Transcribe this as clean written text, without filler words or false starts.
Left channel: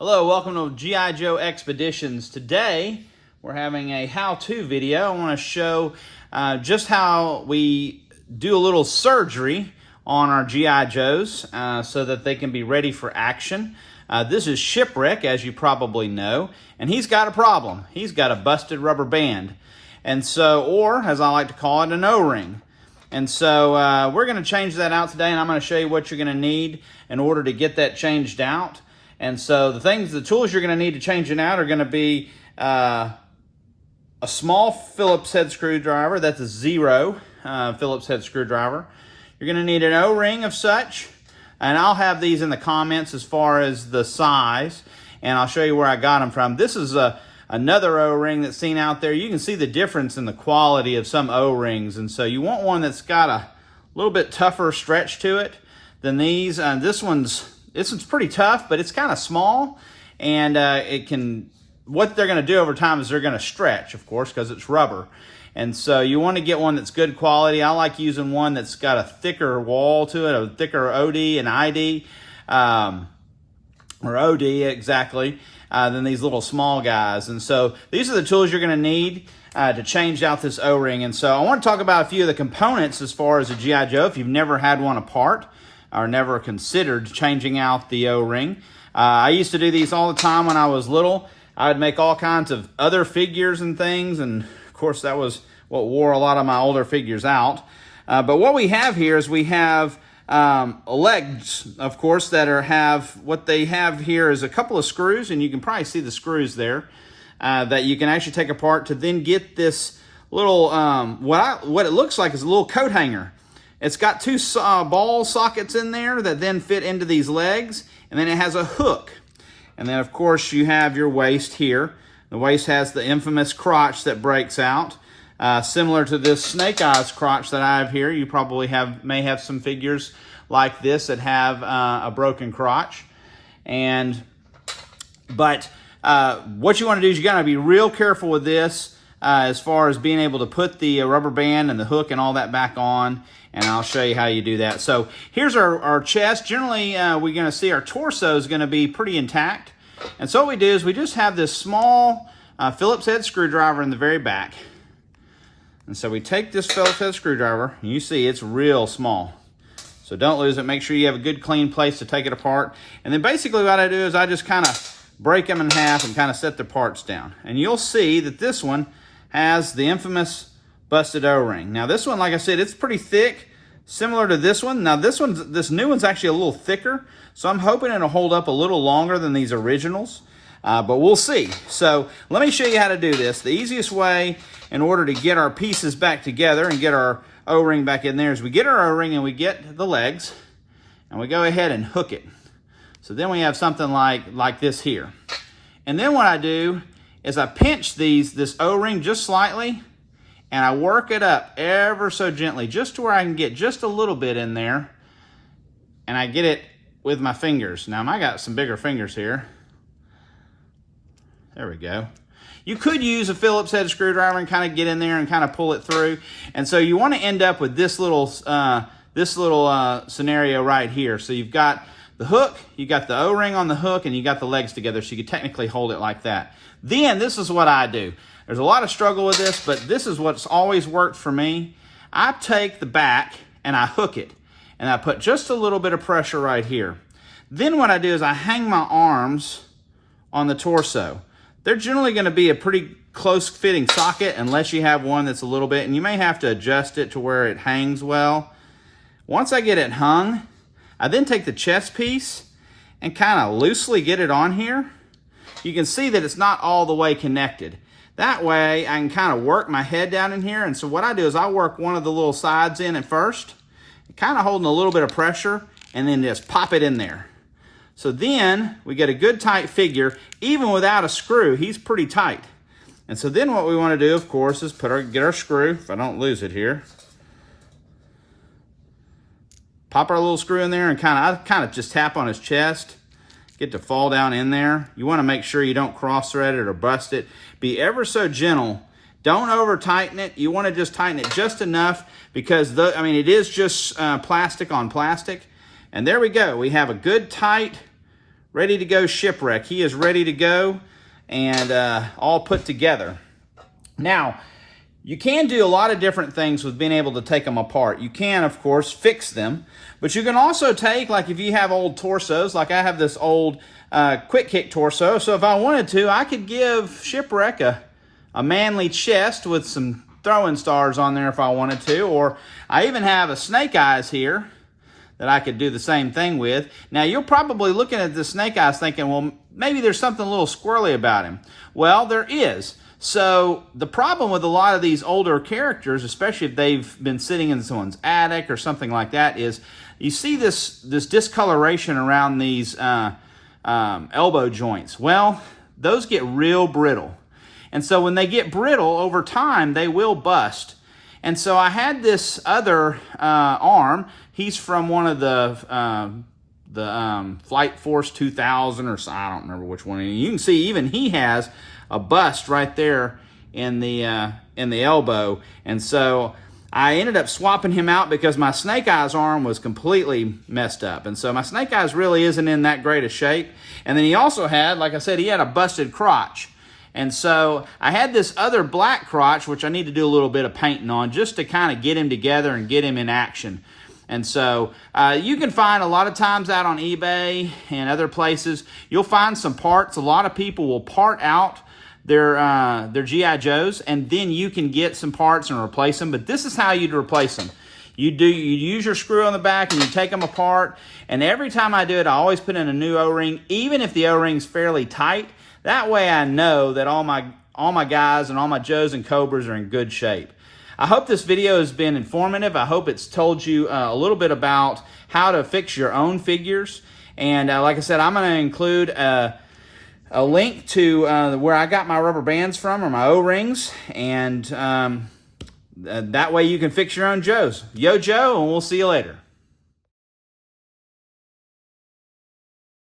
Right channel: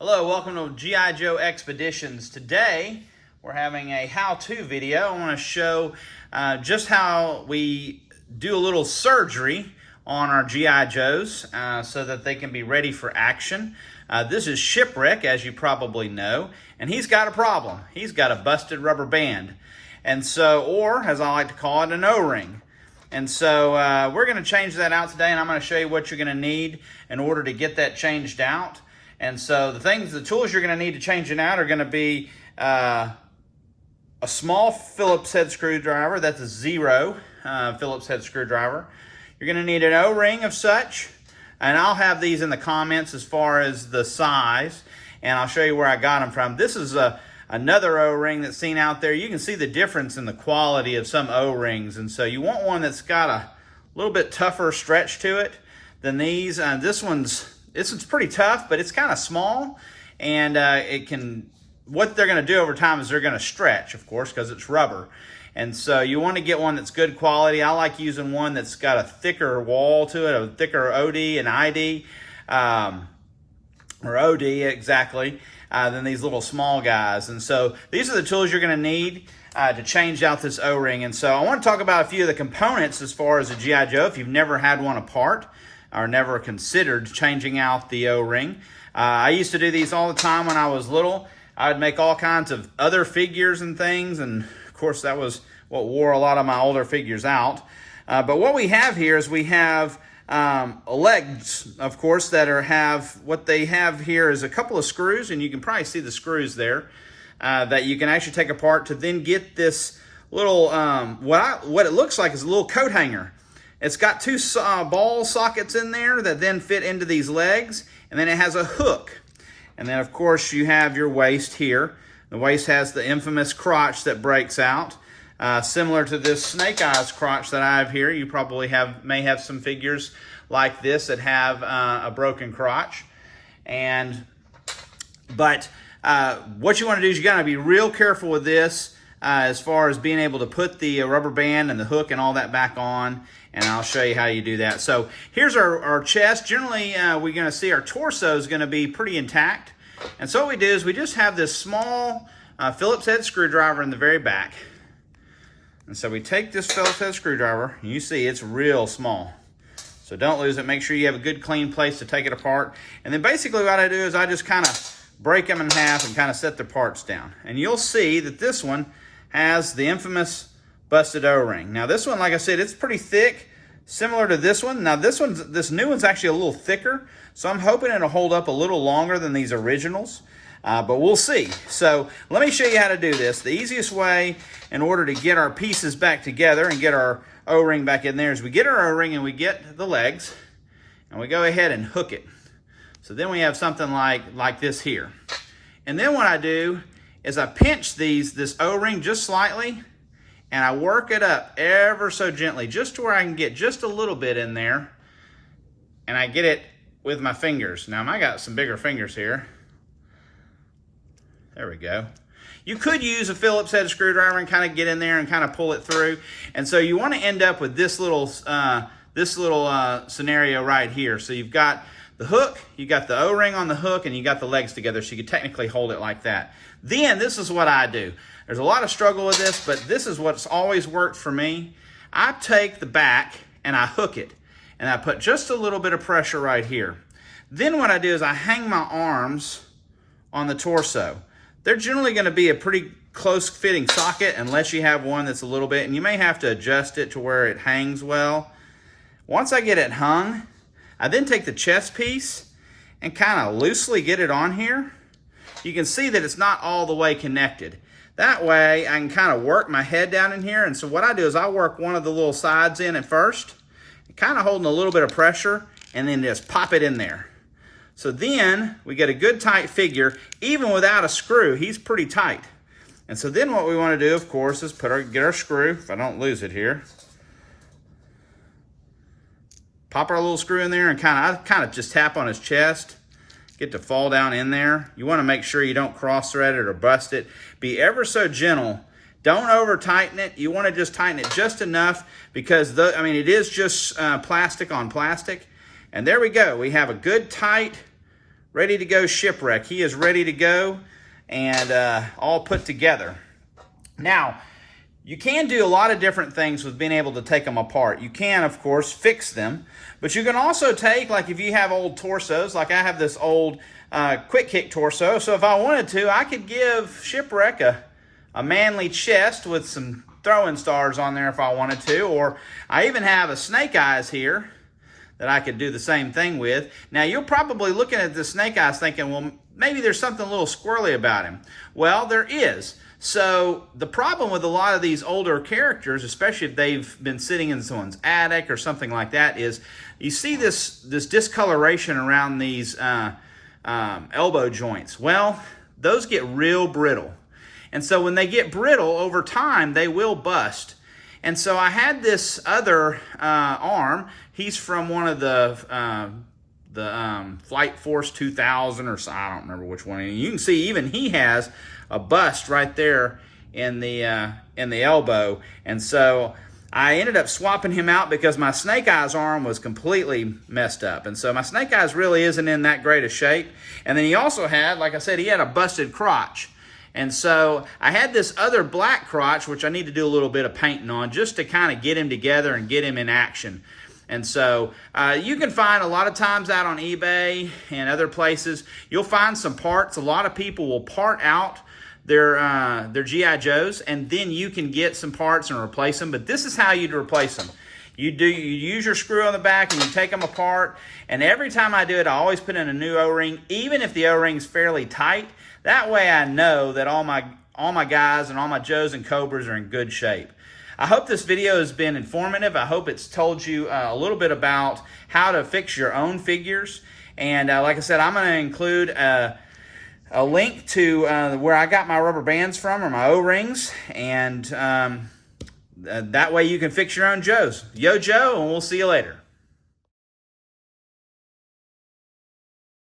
Hello, welcome to GIJoe Expeditions. Today, we're having a how-to video. I want to show just how we do a little surgery on our GI Joes so that they can be ready for action. This is Shipwreck, as you probably know, and he's got a problem. He's got a busted rubber band, and so, or as I like to call it, an O-ring. And so we're going to change that out today, and I'm going to show you what you're going to need in order to get that changed out. And so the tools you're going to need to change it out are going to be a small Phillips head screwdriver. That's a 0 Phillips head screwdriver. You're going to need an O-ring of such, and I'll have these in the comments as far as the size, and I'll show you where I got them from. This is another O-ring that's seen out there. You can see the difference in the quality of some O-rings, and so you want one that's got a little bit tougher stretch to it than these. This one's pretty tough, but it's kind of small, and what they're going to do over time is they're going to stretch, of course, because it's rubber. And so you want to get one that's good quality. I like using one that's got a thicker wall to it, a thicker OD and ID, or OD exactly, than these little small guys. And so these are the tools you're going to need to change out this O-ring. And so I want to talk about a few of the components as far as a GI Joe if you've never had one apart or never considered changing out the O-ring. I used to do these all the time when I was little. I would make all kinds of other figures and things, and of course that was what wore a lot of my older figures out. But what we have here is we have legs, of course, what they have here is a couple of screws, and you can probably see the screws there, that you can actually take apart to then get this little, what it looks like is a little coat hanger. It's got two ball sockets in there that then fit into these legs, and then it has a hook. And then, of course, you have your waist here. The waist has the infamous crotch that breaks out, similar to this snake eyes crotch that I have here. You probably may have some figures like this that have a broken crotch. But what you want to do is you got to be real careful with this as far as being able to put the rubber band and the hook and all that back on. And I'll show you how you do that. So here's our chest. Generally, we're going to see our torso is going to be pretty intact. And so what we do is we just have this small Phillips head screwdriver in the very back. And so we take this Phillips head screwdriver, and you see it's real small. So don't lose it. Make sure you have a good clean place to take it apart. And then basically what I do is I just kind of break them in half and kind of set the parts down. And you'll see that this one has the infamous busted O-ring. Now this one, like I said, it's pretty thick, similar to this one. Now this new one's actually a little thicker, so I'm hoping it'll hold up a little longer than these originals, but we'll see. So let me show you how to do this. The easiest way in order to get our pieces back together and get our O-ring back in there is we get our O-ring and we get the legs, and we go ahead and hook it. So then we have something like this here. And then what I do is I pinch this O-ring just slightly, and I work it up ever so gently, just to where I can get just a little bit in there, and I get it with my fingers. Now, I got some bigger fingers here. There we go. You could use a Phillips head screwdriver and kind of get in there and kind of pull it through. And so you want to end up with this little scenario right here. So you've got the hook, you got the O-ring on the hook, and you got the legs together, so you could technically hold it like that. Then this is what I do. There's a lot of struggle with this, but this is what's always worked for me. I take the back and I hook it, and I put just a little bit of pressure right here. Then what I do is I hang my arms on the torso. They're generally going to be a pretty close fitting socket unless you have one that's a little bit, and you may have to adjust it to where it hangs well. Once I get it hung, I then take the chest piece and kind of loosely get it on here. You can see that it's not all the way connected. That way, I can kind of work my head down in here. And so what I do is I work one of the little sides in at first, kind of holding a little bit of pressure, and then just pop it in there. So then we get a good tight figure. Even without a screw, he's pretty tight. And so then what we want to do, of course, is get our screw, if I don't lose it here. Pop our little screw in there and I kind of just tap on his chest. Get to fall down in there. You want to make sure you don't cross thread it or bust it. Be ever so gentle. Don't over tighten it. You want to just tighten it just enough because it is just plastic on plastic. And there we go. We have a good tight ready to go shipwreck. He is ready to go and all put together. Now, you can do a lot of different things with being able to take them apart. You can, of course, fix them, but you can also take, like if you have old torsos, like I have this old quick kick torso, so if I wanted to, I could give Shipwreck a manly chest with some throwing stars on there if I wanted to, or I even have a snake eyes here that I could do the same thing with. Now, you're probably looking at the snake eyes thinking, well, maybe there's something a little squirrely about him. Well, there is. So the problem with a lot of these older characters, especially if they've been sitting in someone's attic or something like that, is you see this discoloration around these elbow joints. Well, those get real brittle. And so when they get brittle over time, they will bust. And so I had this other arm. He's from one of the Flight Force 2000 or so, I don't remember which one. And you can see even he has a bust right there in the elbow. And so I ended up swapping him out because my Snake Eyes arm was completely messed up. And so my Snake Eyes really isn't in that great a shape. And then he also had, like I said, he had a busted crotch. And so I had this other black crotch, which I need to do a little bit of painting on just to kind of get him together and get him in action. And so you can find a lot of times out on eBay and other places, you'll find some parts. A lot of people will part out their G.I. Joes, and then you can get some parts and replace them. But this is how you'd replace them. You use your screw on the back and you take them apart. And every time I do it, I always put in a new O-ring, even if the O-ring's fairly tight. That way I know that all my guys and all my Joes and Cobras are in good shape. I hope this video has been informative. I hope it's told you a little bit about how to fix your own figures. And like I said, I'm going to include a link to where I got my rubber bands from, or my O-rings, and that way you can fix your own Joes. Yo, Joe, and we'll see you later.